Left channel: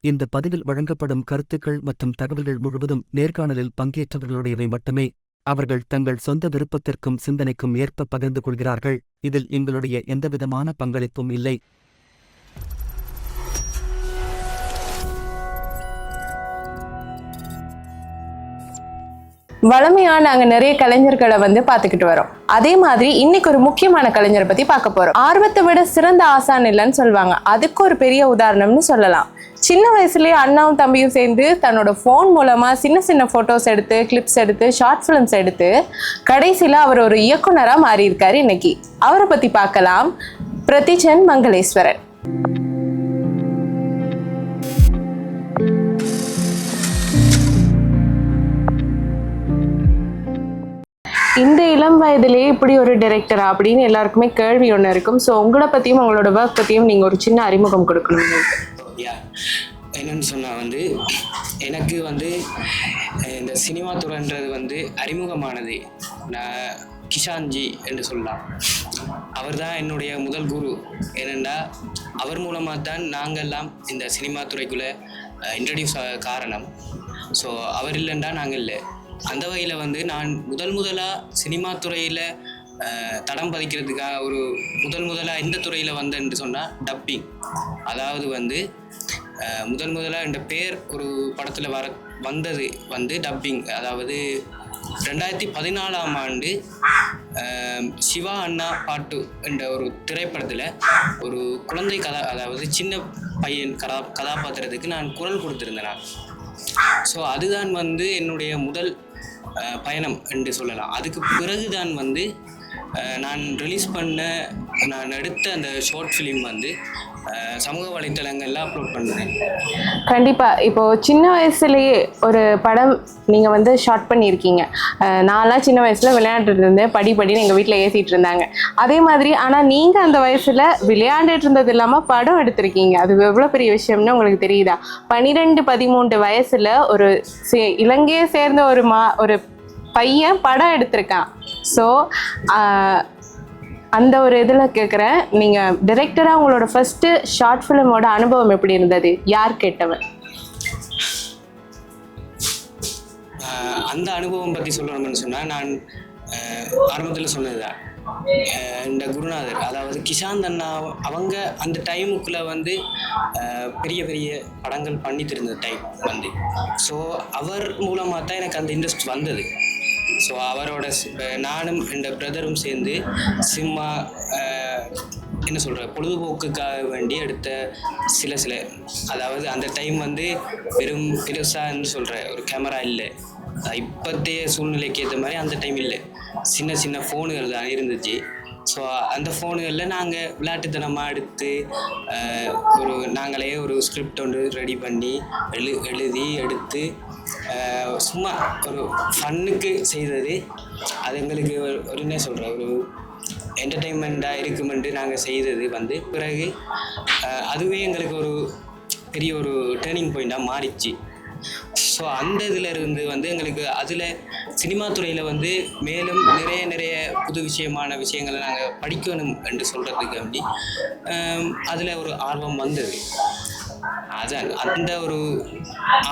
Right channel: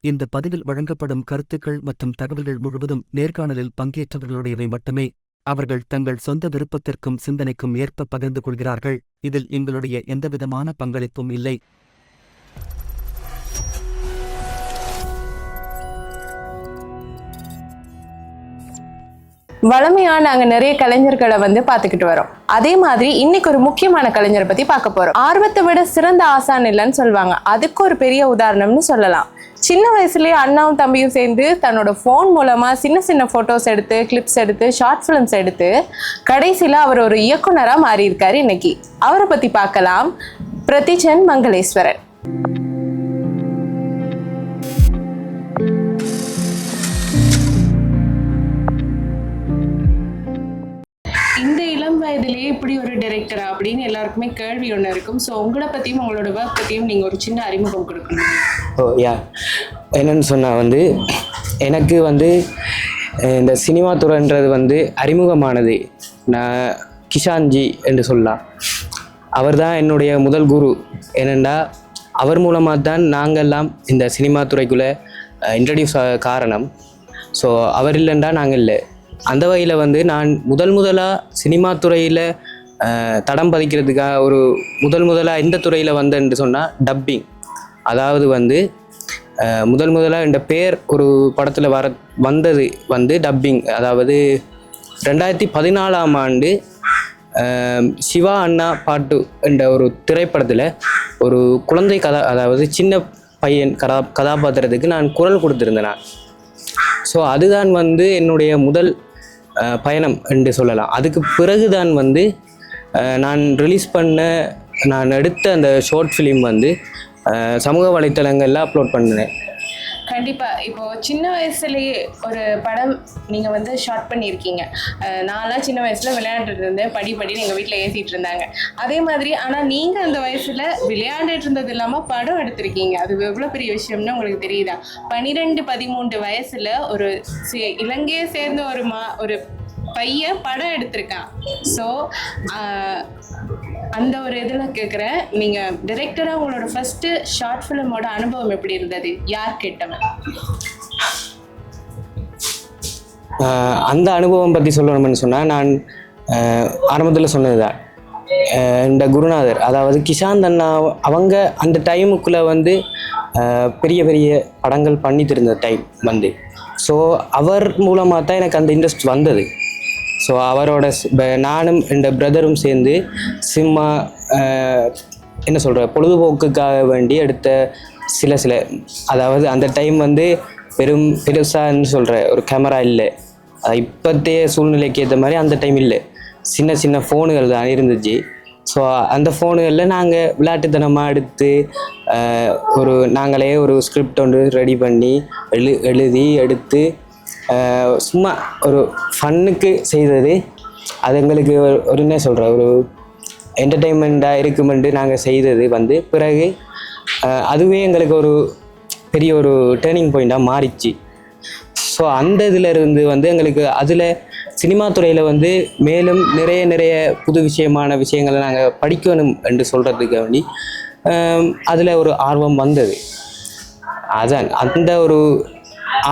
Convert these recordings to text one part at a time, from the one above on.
இந்த பதிவில் வழங்கப்படும் கருத்துக்கள் மற்றும் தகவல்கள் முழுவதும் நேர்காணலில் பங்கேற்றவர்களுடையவை மட்டுமே. அவர்கள் தங்கள் சொந்த விருப்பத்திற்கும் சிந்தனைக்கும் ஏற்ப பகிர்ந்து கொள்கிறார்கள். இதில் எங்களுடைய எந்தவிதமான பங்களிப்பும் இல்லை. வளமையா நாங்க நிறைய கலைஞர்களை வந்து பார்த்துக்கிட்டு வரோம். அதே மாதிரி இன்னைக்கு ஒரு முக்கியமான கலைஞரை பத்தி பார்க்க போறோம். ஆர்வத்தை விட சிறந்த ஆசான் இல்லைன்னு சொல்லுவாங்க. அதுக்கு ஒரு பெரிய உதாரணம்னு சொல்லலாம். சின்ன வயசுலேயே அண்ணாவும் தம்பியும் சேர்ந்து தன்னோட ஃபோன் மூலமாக சின்ன சின்ன ஃபோட்டோஸ் எடுத்து கிளிப்ஸ் எடுத்து ஷார்ட் ஃபிலிம்ஸ் எடுத்து கடைசியில் அவர் ஒரு இயக்குனராக மாறியிருக்காரு இன்னைக்கு. அவரை பற்றி பார்க்கலாம். பிரதிஜன் மங்களேஸ்வரன். இதுலேயே இப்படி ஒரு டைரக்டரா அப்படின்னு எல்லாருக்குமே கேள்வி ஒன்று இருக்கும். ஸோ உங்களை பற்றியும் உங்களோட ஒர்க் பற்றியும் நீங்கள் ஒரு சின்ன அறிமுகம் கொடுக்கணும் ஓ யா. என்னன்னு சொன்னால் வந்து எனக்கு வந்து இந்த சினிமா துறைன்றது வந்து அறிமுகமானது. நான் கிஷான்ஜி என்று சொல்லலாம். அவர் தான் என்னுடைய முதல் குரு. ஏனெண்டா அவர் மூலமாக தான் நாங்கள்லாம் இந்த சினிமா துறைக்குள்ளே இன்ட்ரடியூஸ் காரணம். ஸோ அவர் இல்லைண்டா நாங்கள் இல்லை. அந்த வகையில் வந்து நான் முதல் முதலாக சினிமா துறையில் தடம் பதிக்கிறதுக்காக ஒரு முதல் முதலாக எந்த துறையில் வந்தேன்னு சொன்னால் டப்பிங் அதாவது வந்து முதல் முதலாக இந்த பேர் ஒரு படத்தில் வர வந்தது வந்து டப்பிங் அதாவது ரெண்டாயிரத்தி பதினாலாம் ஆண்டு சிவா அண்ணா பாட்டு என்ற ஒரு திரைப்படத்தில் ஒரு குழந்தை கதா அதாவது சின்ன பையன் கதா கதாபாத்திரத்துக்கு நான் குரல் கொடுத்துருந்தேன் நான். ஸோ அதுதான் வந்து என்னுடைய முதல் பயணம் என்று சொல்லலாம். அதுக்கு பிறகுதான் வந்து நான் ரிலீஸ் பண்ண நான் எடுத்த அந்த ஷார்ட் ஃபிலிம் வந்து சமூக வலைத்தளங்களில் அப்லோட் பண்ணினேன். கண்டிப்பாக இப்போ சின்ன வயசுலேயே ஒரு படம் நீங்கள் வந்து ஷார்ட் பண்ணியிருக்கீங்க. நான்லாம் சின்ன வயசில் விளையாண்டுட்டு இருந்தேன். படி படின்னு எங்கள் வீட்டில் ஏசிட்டு இருந்தாங்க. அதே மாதிரி ஆனால் நீங்கள் அந்த வயசில் விளையாண்டுட்டு இருந்தது இல்லாமல் படம் எடுத்திருக்கீங்க. அது எவ்வளோ பெரிய விஷயம்னு உங்களுக்கு தெரியுதா? பன்னிரெண்டு பதிமூன்று வயசில் ஒரு சே- இலங்கையை சேர்ந்த ஒரு மா ஒரு பையன் படம் எடுத்திருக்கான். ஸோ அந்த ஒரு இதில் கேட்குறேன் நீங்கள் டிரெக்டராக உங்களோட ஃபஸ்ட்டு ஷார்ட் ஃபிலிமோட அனுபவம் எப்படி இருந்தது? யார் கேட்டவன்? அந்த அனுபவம் பற்றி சொல்லணும்னு சொன்னால் நான் ஆரம்பத்தில் சொன்னது தான் இந்த குருநாதர் அதாவது கிஷாந்த் அண்ணா அவங்க அந்த டைமுக்குள்ளே வந்து பெரிய பெரிய படங்கள் பண்ணிட்டு இருந்த டைம் வந்து. ஸோ அவர் மூலமாக தான் எனக்கு அந்த இன்ட்ரெஸ்ட் வந்தது. ஸோ அவரோட நானும் இந்த பிரதரும் சேர்ந்து சிம்மா என்ன சொல்கிற பொழுதுபோக்குக்காக வேண்டி எடுத்த சில சில அதாவது அந்த டைம் வந்து பெரும் பெருசான்னு சொல்கிற ஒரு கேமரா இல்லை. அது இப்போத்தைய சூழ்நிலைக்கு ஏற்ற மாதிரி அந்த டைம் இல்லை. சின்ன சின்ன ஃபோனுகள் தான் இருந்துச்சு. ஸோ அந்த ஃபோனுகளில் நாங்கள் விளையாட்டுத்தனமாக எடுத்து ஒரு நாங்களே ஒரு ஸ்கிரிப்ட் ஒன்று ரெடி பண்ணி எழு எழுதி எடுத்து சும்மா ஒரு ஃபன்னுக்கு செய்தது. அது எங்களுக்கு ஒரு- ஒரு என்ன சொல்கிற ஒரு என்டர்டெயின்மெண்ட்டாக இருக்குமென்று நாங்கள் செய்தது வந்து பிறகு அதுவே எங்களுக்கு ஒரு பெரிய ஒரு டேர்னிங் பாயிண்ட்டாக மாறிச்சு. ஸோ அந்த இதில் இருந்து வந்து எங்களுக்கு அதில் சினிமா துறையில் வந்து மேலும் நிறைய நிறைய புது விஷயமான விஷயங்களை நாங்கள் படிக்கணும் என்று சொல்கிறதுக்கு வேண்டி அதில் ஒரு ஆர்வம் வந்தது. அதான் அந்த ஒரு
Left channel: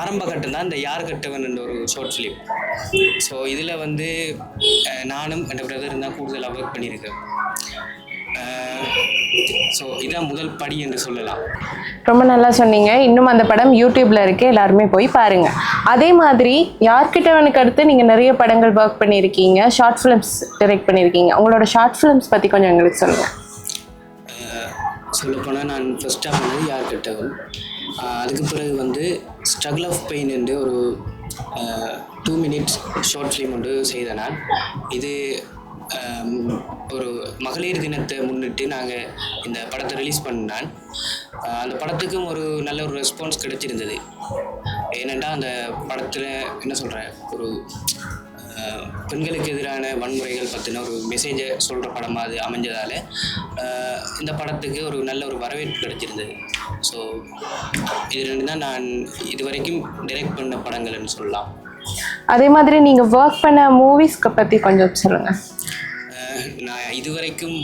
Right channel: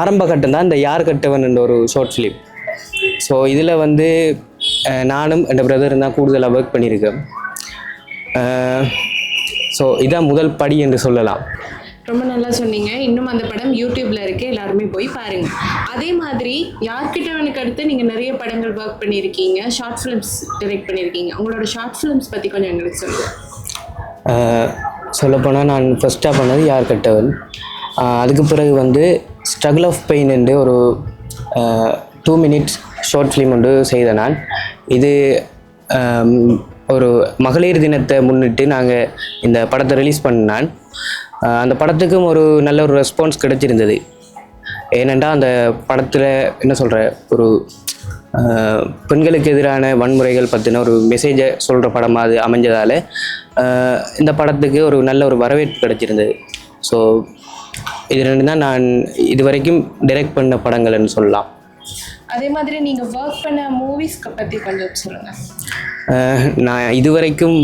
ஆரம்ப கட்டம் தான் இந்த யார் கட்டவன் என்ற ஒரு ஷார்ட் ஃபிலிம் ஸோ இதில் வந்து நானும் என் பிரதரும் தான் கூடுதலாக ஒர்க் பண்ணியிருக்கேன் ஸோ இதான் முதல் படி என்று சொல்லலாம். ரொம்ப நல்லா சொன்னீங்க. இன்னும் அந்த படம் யூடியூப்ல இருக்கு எல்லாருமே போய் பாருங்க. அதே மாதிரி யார்கிட்டவனுக்கு அடுத்து நீங்க நிறைய படங்கள் ஒர்க் பண்ணியிருக்கீங்க ஷார்ட் ஃபிலிம்ஸ் டைரக்ட் பண்ணியிருக்கீங்க உங்களோட ஷார்ட் ஃபிலிம்ஸ் பத்தி கொஞ்சம் எங்களுக்கு சொல்லுங்க. சொல்லப்போனால் நான் ஃபஸ்ட்டாக பண்ணது யார் கட்டவன்? அதுக்கு பிறகு வந்து ஸ்ட்ரகிள் ஆஃப் பெயின் என்று ஒரு டூ மினிட்ஸ் ஷார்ட் ஃபிலிம் ஒன்று செய்த நான். இது ஒரு மகளிர் தினத்தை முன்னிட்டு நாங்கள் இந்த படத்தை ரிலீஸ் பண்ணான் அந்த படத்துக்கும் ஒரு நல்ல ஒரு ரெஸ்பான்ஸ் கிடைச்சிருந்தது. ஏனென்றால் அந்த படத்தில் என்ன சொல்கிற ஒரு பெண்களுக்கு எதிரான வன்முறைகள் பற்றின ஒரு மெசேஜை சொல்கிற படமாக அது அமைஞ்சதால் இந்த படத்துக்கு ஒரு நல்ல ஒரு வரவேற்பு கிடைச்சிருந்தது. ஸோ இது ரெண்டு தான் நான் இதுவரைக்கும் டைரக்ட் பண்ண படங்கள்னு சொல்லலாம். அதே மாதிரி நீங்க ஒர்க் பண்ண மூவிஸ்க்கு பத்தி கொஞ்சம் சொல்லுங்க. ஆஹ், நான் இதுவரைக்கும்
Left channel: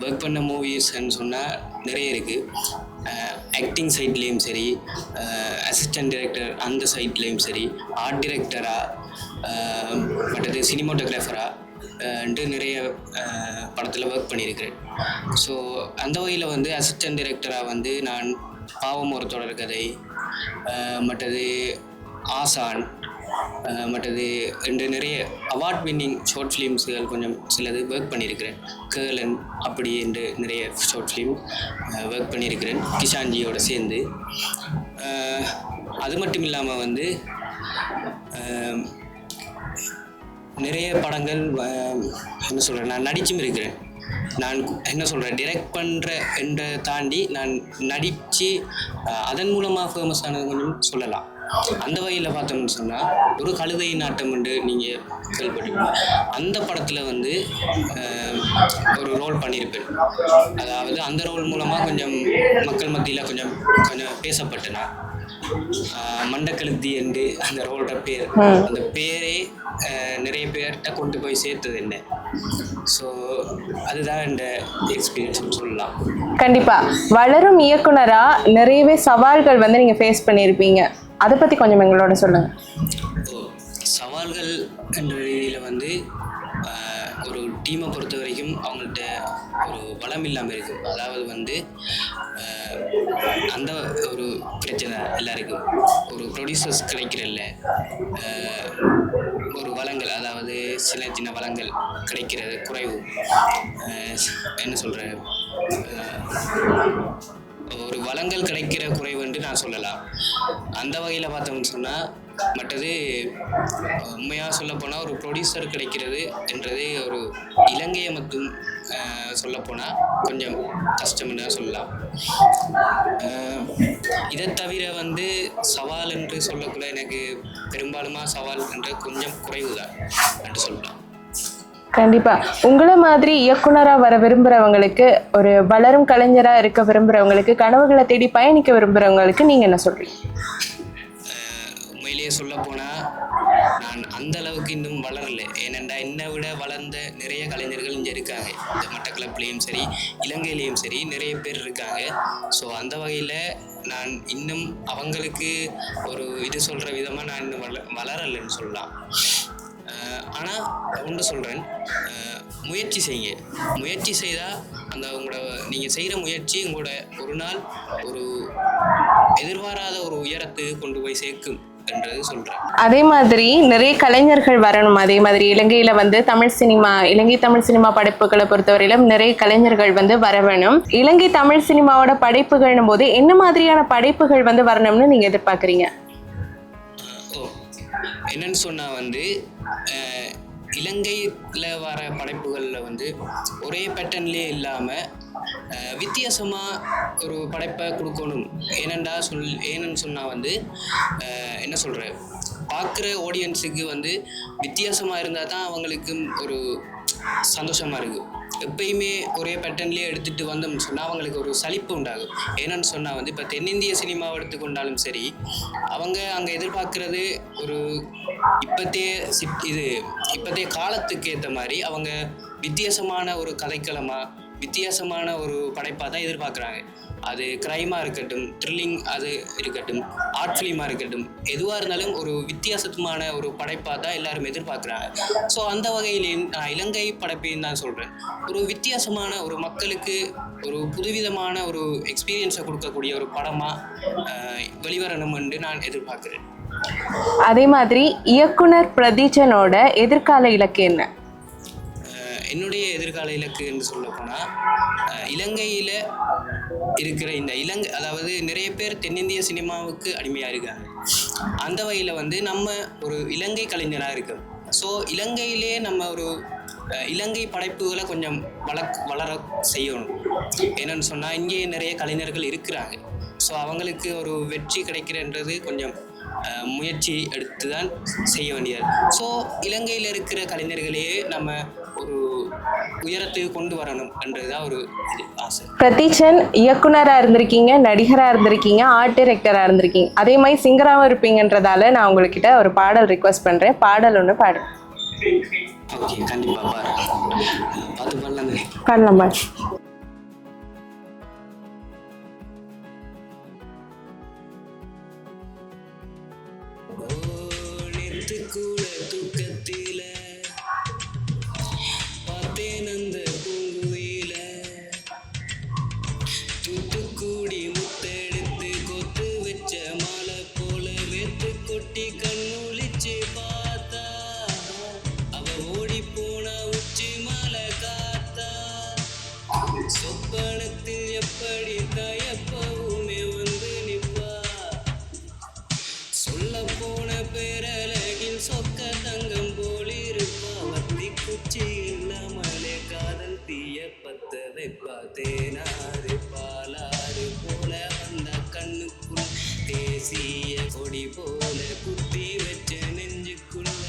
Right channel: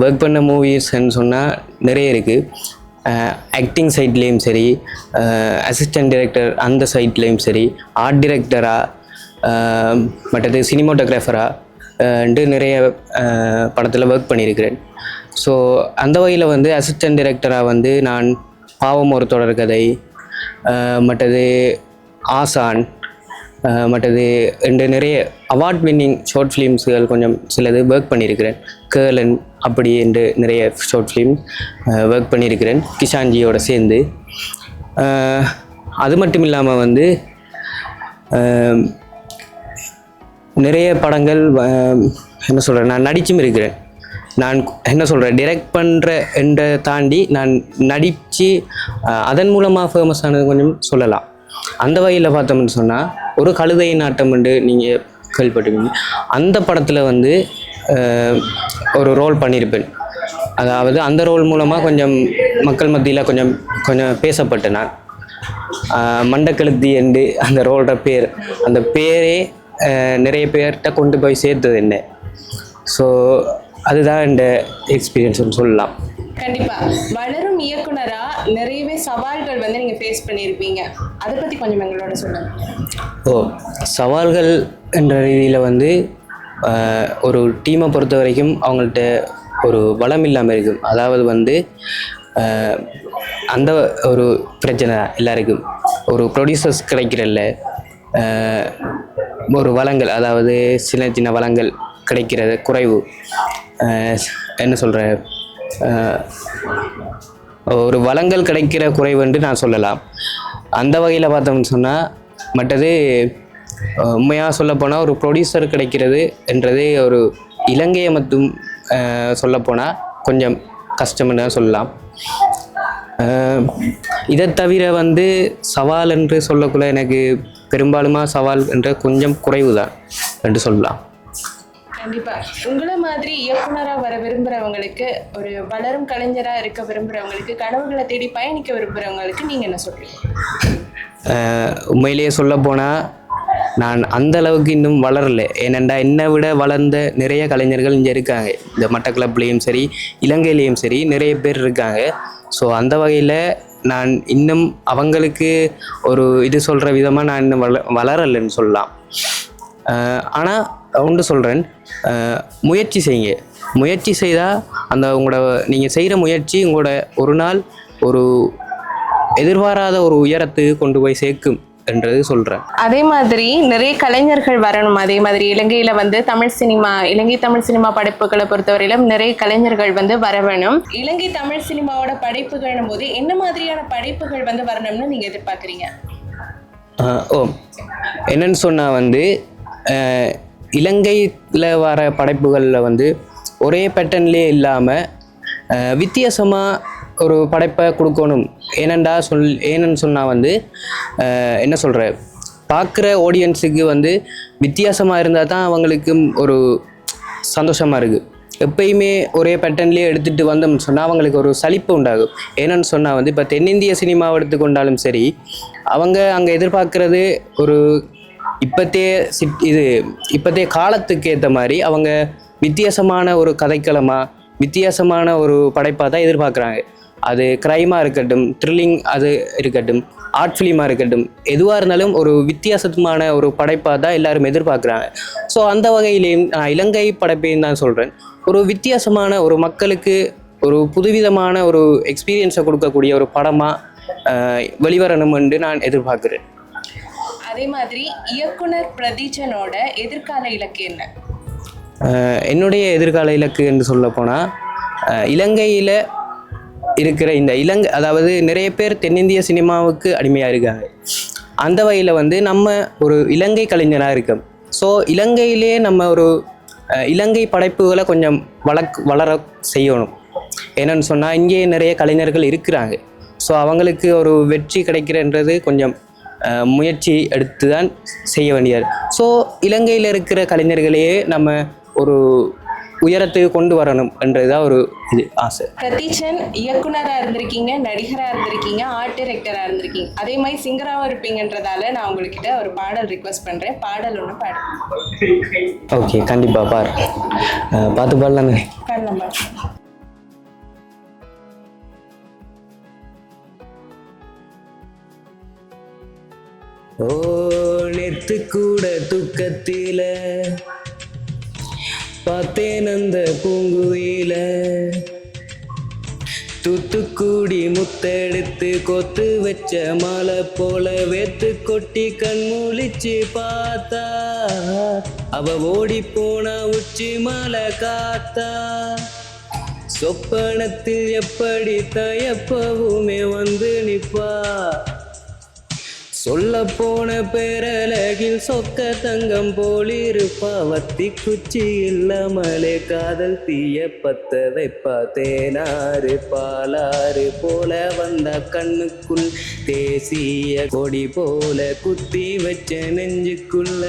ஒர்க் பண்ண மூவிஸ்ன்னு சொன்னால் நிறைய இருக்குது ஆக்டிங் சைட்லேயும் சரி அசிஸ்டன்ட் டைரக்டர் அந்த சைட்லேயும் சரி ஆர்ட் டிரெக்டராக மற்றது சினிமோட்டோகிராஃபராக நிறைய படத்தில் ஒர்க் பண்ணியிருக்கிறேன் ஸோ அந்த வகையில் வந்து அசிஸ்டன்ட் டைரக்டராக வந்து நான் பாவம் ஒரு தொடர்கதை மற்றது ஆசான் மற்றது ரெண்டு நிறைய அவார்ட் வின்னிங் ஷார்ட் ஃபிலிம்ஸுகள் கொஞ்சம் சிலது ஒர்க் பண்ணியிருக்கிறேன். கேர்லன் அப்படி என்று நிறைய ஷார்ட் ஃபிலிம் ஒர்க் பண்ணியிருக்கிறேன். கிஷான்ஜியோட சேர்ந்து. அது மட்டும் இல்லாமல் வந்து நிறைய படங்கள் என்ன சொல்கிறேன் நான் நடிச்சும் இருக்கிறேன். நான் என்ன சொல்கிறேன் டிரெக்ட் பண்ணுற என்ற தாண்டி நான் நடித்து அதன் மூலமாக ஃபேமஸ் ஆனது கொஞ்சம் சொல்லலாம். அந்த வகையில் பார்த்தோம்னு சொன்னால் ஒரு கழுதை நாட்டம் என்று நீங்கள் கேள்விப்பட்டிருப்பீங்க. அந்த படத்தில் வந்து ஒரு ரோல் பண்ணியிருப்பேன். அதாவது அந்த ரோல் மூலமாக கொஞ்சம் மக்கள் மத்தியில் கொஞ்சம் கொஞ்சம் பேசப்பட்டேன் நான். மண்டக்கழுத்தி என்று அந்த ரோலோட பேர் அந்த பேரே நிறைய பேர்கிட்ட கொண்டு போய் சேர்த்தது என்ன? ஸோ அதுதான் இந்த எக்ஸ்பீரியன்ஸ்னு சொல்லலாம். கண்டிப்பா. வளரும் இயக்குனரா நிறையவே சவால்கள் வந்து நீங்க ஃபேஸ் பண்ணியிருப்பீங்க. அதை பத்தி கொஞ்சம் எங்களோட சொல்லுங்க. ஓ சவால்கள் என்ற ரீதியில் வந்து ஒரு டீமை பொறுத்த வரைக்கும் அவங்கள்ட்ட ஒரு வளம் இல்லாமல் இருக்கும். அதாவது வந்து அந்த ஒரு பிரச்சனை எல்லாருக்கும். ஒரு ப்ரொடியூசர்ஸ் கிடைக்கிறல்ல ஒரு வளங்கள் அதாவது சின்ன சின்ன வளங்கள். கிடைக்கிறது குறைவு. என்ன சொல்கிற ஒரு வளங்கள் கிடைக்கிற குறைவு என்று நான் சொல்லலாம். அந்த வகையில் பார்த்தோம்னு சொன்னால் மற்றது உண்மையாக சொல்லப்போனால் ஒரு ப்ரொடியூசர் கிடைக்கிறது என்றது ஒரு இலங்கையை மட்டும் சொல்லப்போனால் கொஞ்சம் கஷ்டம்னு தான் சொல்லலாம். இதை தவிர வந்து சவால் என்று சொல்லக்குள்ள எனக்கு பெரும்பாலுமா சவால் என்ற கொஞ்சம் குறைவு தான் என்று சொல்லலாம். கண்டிப்பா. உங்களை மாதிரி இயக்குனரா வர விரும்புறவங்களுக்கு ஒரு வளரும் கலைஞரா இருக்க விரும்புறவங்களுக்கு கனவுகளை தேடி பயணிக்க விரும்புறவங்களுக்கு நீங்க என்ன சொல்றீங்க? உண்மையிலேயே சொல்ல போனால் நான் அந்த அளவுக்கு இன்னும் வளரல. ஏனெண்டா என்னை விட வளர்ந்த நிறைய கலைஞர்கள் இங்கே இருக்காங்க. இந்த மட்டக்களப்புலேயும் சரி இலங்கையிலேயும் சரி நிறைய பேர் இருக்காங்க. ஸோ அந்த வகையில் நான் இன்னும் அவங்களுக்கு ஒரு இது சொல்கிற விதமாக நான் இன்னும் வள வளரலைன்னு சொல்லலாம். ஆனால் ஒன்று சொல்கிறேன் முயற்சி செய்யுங்க. முயற்சி செய்தால் அந்த உங்களோட நீங்கள் செய்கிற முயற்சி உங்களோட ஒரு நாள் ஒரு எதிர்பாராத ஒரு உயரத்துக்கு கொண்டு போய் சேர்க்கும் என்றது சொல்கிறேன் அதே மாதிரி நிறைய கலைஞர்கள் வரணும். அதே மாதிரி இலங்கையில வந்து தமிழ் சினிமா இலங்கை தமிழ் சினிமா படைப்புகளை பொறுத்தவரையிலும் நிறைய கலைஞர்கள் வந்து வர வேணும். இலங்கை தமிழ் சினிமாவோட படைப்புகள்னும் போது என்ன மாதிரியான படைப்புகள் வந்து வரணும்னு நீங்க எதிர்பார்க்குறீங்க? ஓ. என்னன்னு சொன்னால் வந்து இலங்கையில் வர படைப்புகளில் வந்து ஒரே பேட்டர்ன்லேயே இல்லாமல் வித்தியாசமாக ஒரு படைப்பை கொடுக்கணும். ஏனண்டா சொல் ஏன்னு சொன்னால் வந்து என்ன சொல்கிற பார்க்குற ஆடியன்ஸுக்கு வந்து வித்தியாசமாக இருந்தால் தான் அவங்களுக்கு ஒரு சந்தோஷமாக இருக்குது எப்பயுமே ஒரே பேட்டர்ன்லேயே எடுத்துகிட்டு வந்தோம்னு சொன்னால் அவங்களுக்கு ஒரு சலிப்பு உண்டாகும். ஏன்னு சொன்னால் வந்து இப்போ தென்னிந்திய சினிமாவை எடுத்துக்கொண்டாலும் சரி அவங்க அங்கே எதிர்பார்க்குறது ஒரு இப்பத்தே சிட் இது இப்போத்தைய காலத்துக்கு ஏற்ற மாதிரி அவங்க வித்தியாசமான ஒரு கதைக்களமாக வித்தியாசமான ஒரு படைப்பாக தான் எதிர்பார்க்குறாங்க. அது க்ரைமாக இருக்கட்டும் த்ரில்லிங் அது இருக்கட்டும் ஆர்ட் ஃபிலிமாக இருக்கட்டும் எதுவாக இருந்தாலும் ஒரு வித்தியாசமான ஒரு படைப்பாக தான் எல்லாரும் எதிர்பார்க்குறாங்க. ஸோ அந்த வகையிலேயும் நான் இலங்கை படைப்பையும் தான் சொல்கிறேன் ஒரு வித்தியாசமான ஒரு மக்களுக்கு ஒரு புதுவிதமான ஒரு எக்ஸ்பீரியன்ஸை கொடுக்கக்கூடிய ஒரு படமாக வெளிவரணும் என்று நான் எதிர்பார்க்குறேன். அதே மாதிரி இயக்குனர் பிரதீஜனோட எதிர்கால இலக்கு என்ன? என்னுடைய எதிர்கால இலக்கு என்று சொல்ல போனால் இலங்கையில் இருக்கிற இந்த இலங்கை அதாவது நிறைய பேர் தென்னிந்திய சினிமாவுக்கு அடிமையாக இருக்காங்க அந்த வகையில் வந்து நம்ம ஒரு இலங்கை கலைஞராக இருக்கோம். ஸோ இலங்கையிலே நம்ம ஒரு இலங்கை படைப்புகளை கொஞ்சம் வளக் வளர செய்யணும். என்னென்னு சொன்னால் இங்கே நிறைய கலைஞர்கள் இருக்கிறாங்க. ஸோ அவங்களுக்கு ஒரு வெற்றி கிடைக்கிறன்றது கொஞ்சம் முயற்சி எடுத்து தான் செய்ய வேண்டியது. ஸோ இலங்கையில் இருக்கிற கலைஞர்களையே நம்ம ஒரு உயரத்துக்கு கொண்டு வரணும் என்றதுதான் ஒரு இது ஆசை. பிரதீச்சன் இயக்குனரா இருந்திருக்கீங்க நடிகரா இருந்திருக்கீங்க ஆர்ட் டைரக்டரா இருந்திருக்கீங்க. அதே மாதிரி சிங்கராகவும் இருப்பீங்கன்றதால நான் உங்ககிட்ட ஒரு பாடல் ரிக்வஸ்ட் பண்றேன். பாடல் ஒன்று பாடு. ஓகே கண்டிப்பாக பாரு பார்த்து பாடலாம். பாடலாம் பாடு. ஓ நெத்து கூட துக்கத்தில. பார்த்தேன் அந்த பூங்குயில. தூத்துக்குடி முத்தெடுத்து கொத்து வச்ச மலை போல வேத்து கொட்டி கண்மூழிச்சு பார்த்தா. அவ ஓடி போனா உச்சி மலை காத்தா. சொப்பனத்தில் எப்படி தயப்பவுமே வந்து நிப்பா. சொல்ல போன பேரழகில் சொக்க தங்கம் போலிருப்பா வத்தி குச்சி இல்லாமலே காதல் தீய பத்த வைப்பா தேனாறு பாலாறு போல வந்த கண்ணுக்குள் தேசிய கொடி போல குத்தி வச்ச நெஞ்சுக்குள்ள.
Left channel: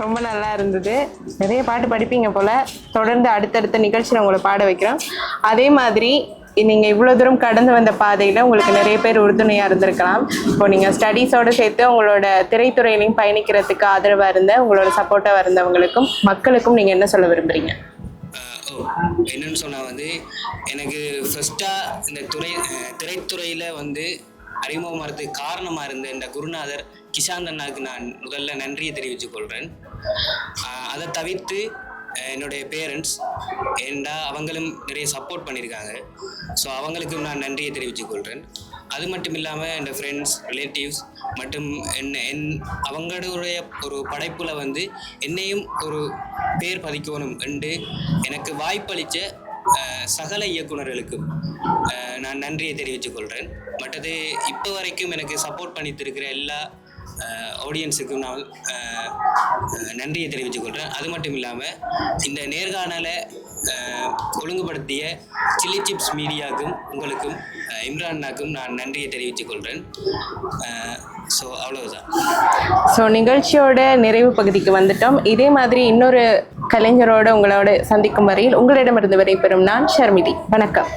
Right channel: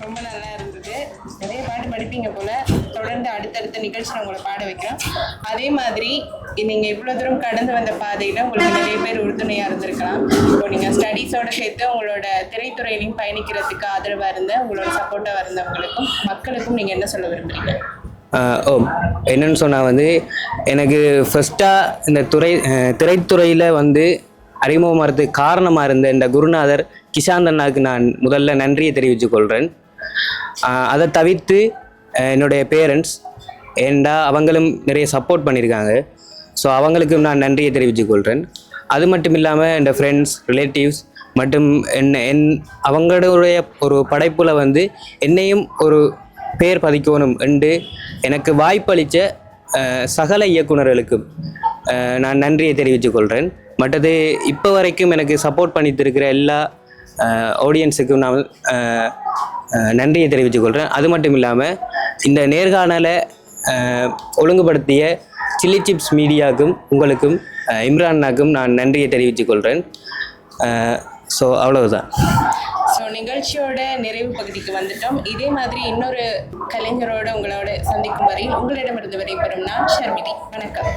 ரொம்ப நல்லா இருந்தது. நிறைய பாட்டு படிப்பீங்க போல. தொடர்ந்து அடுத்தடுத்த நிகழ்ச்சியில் உங்களை பாட வைக்கிறோம். அதே மாதிரி நீங்கள் இவ்வளோ தூரம் கடந்து வந்த பாதையில் உங்களுக்கு நிறைய பேர் உறுதுணையாக இருந்திருக்கலாம். இப்போ நீங்கள் ஸ்டடீஸோடு சேர்த்து உங்களோட திரைத்துறையிலையும் பயணிக்கிறதுக்கு ஆதரவாக இருந்த உங்களோட சப்போர்ட்டாக இருந்தவங்களுக்கும் மக்களுக்கும் நீங்கள் என்ன சொல்ல விரும்புறீங்க? ஓ என்னன்னு சொன்னால் வந்து எனக்கு ஃபஸ்ட்டாக இந்த துறை திரைத்துறையில் வந்து அறிமுகமாகிறதுக்கு காரணமாக இருந்த இந்த குருநாதர் கிஷாந்த் அண்ணாவுக்கு நான் முதல்ல நன்றியை தெரிவித்துக் கொள்கிறேன் அதை தவிர்த்து என்னுடைய பேரண்ட்ஸ் ஏண்டா அவங்களும் நிறைய சப்போர்ட் பண்ணியிருக்காங்க. ஸோ அவங்களுக்கும் நான் நன்றியை தெரிவித்துக் கொள்கிறேன் அது மட்டும் இல்லாமல் என் ஃப்ரெண்ட்ஸ் ரிலேட்டிவ்ஸ் மற்றும் என்ன என் அவங்களுடைய ஒரு படைப்பில் வந்து என்னையும் ஒரு பேர் பதிக்கணும் என்று எனக்கு வாய்ப்பளித்த சகல இயக்குனர்களுக்கும் நான் நன்றியை தெரிவித்துக் கொள்கிறேன் மற்றது இப்போ வரைக்கும் எனக்கு சப்போர்ட் பண்ணித்திருக்கிற எல்லா ஆடியன்ஸுக்கும் நான் நன்றியை தெரிவித்துக் கொள்கிறேன் அது மட்டும் இல்லாமல் இந்த நேர்காணலை ஒழுங்குபடுத்திய சில்லி சிப்ஸ் மீடியாவுக்கும் உங்களுக்கும் இம்ரான்னாக்கும் நான் நன்றியை தெரிவித்துக் கொள்கிறேன் ஸோ அவ்வளவுதான். ஸோ நிகழ்ச்சியோட நிறைவு பகுதிக்கு வந்துட்டோம். இதே மாதிரி இன்னொரு கலைஞரோட உங்களோட சந்திக்கும் வரையில் உங்களிடமிருந்து விடைபெறும் நான் ஷர்மிதி வணக்கம்.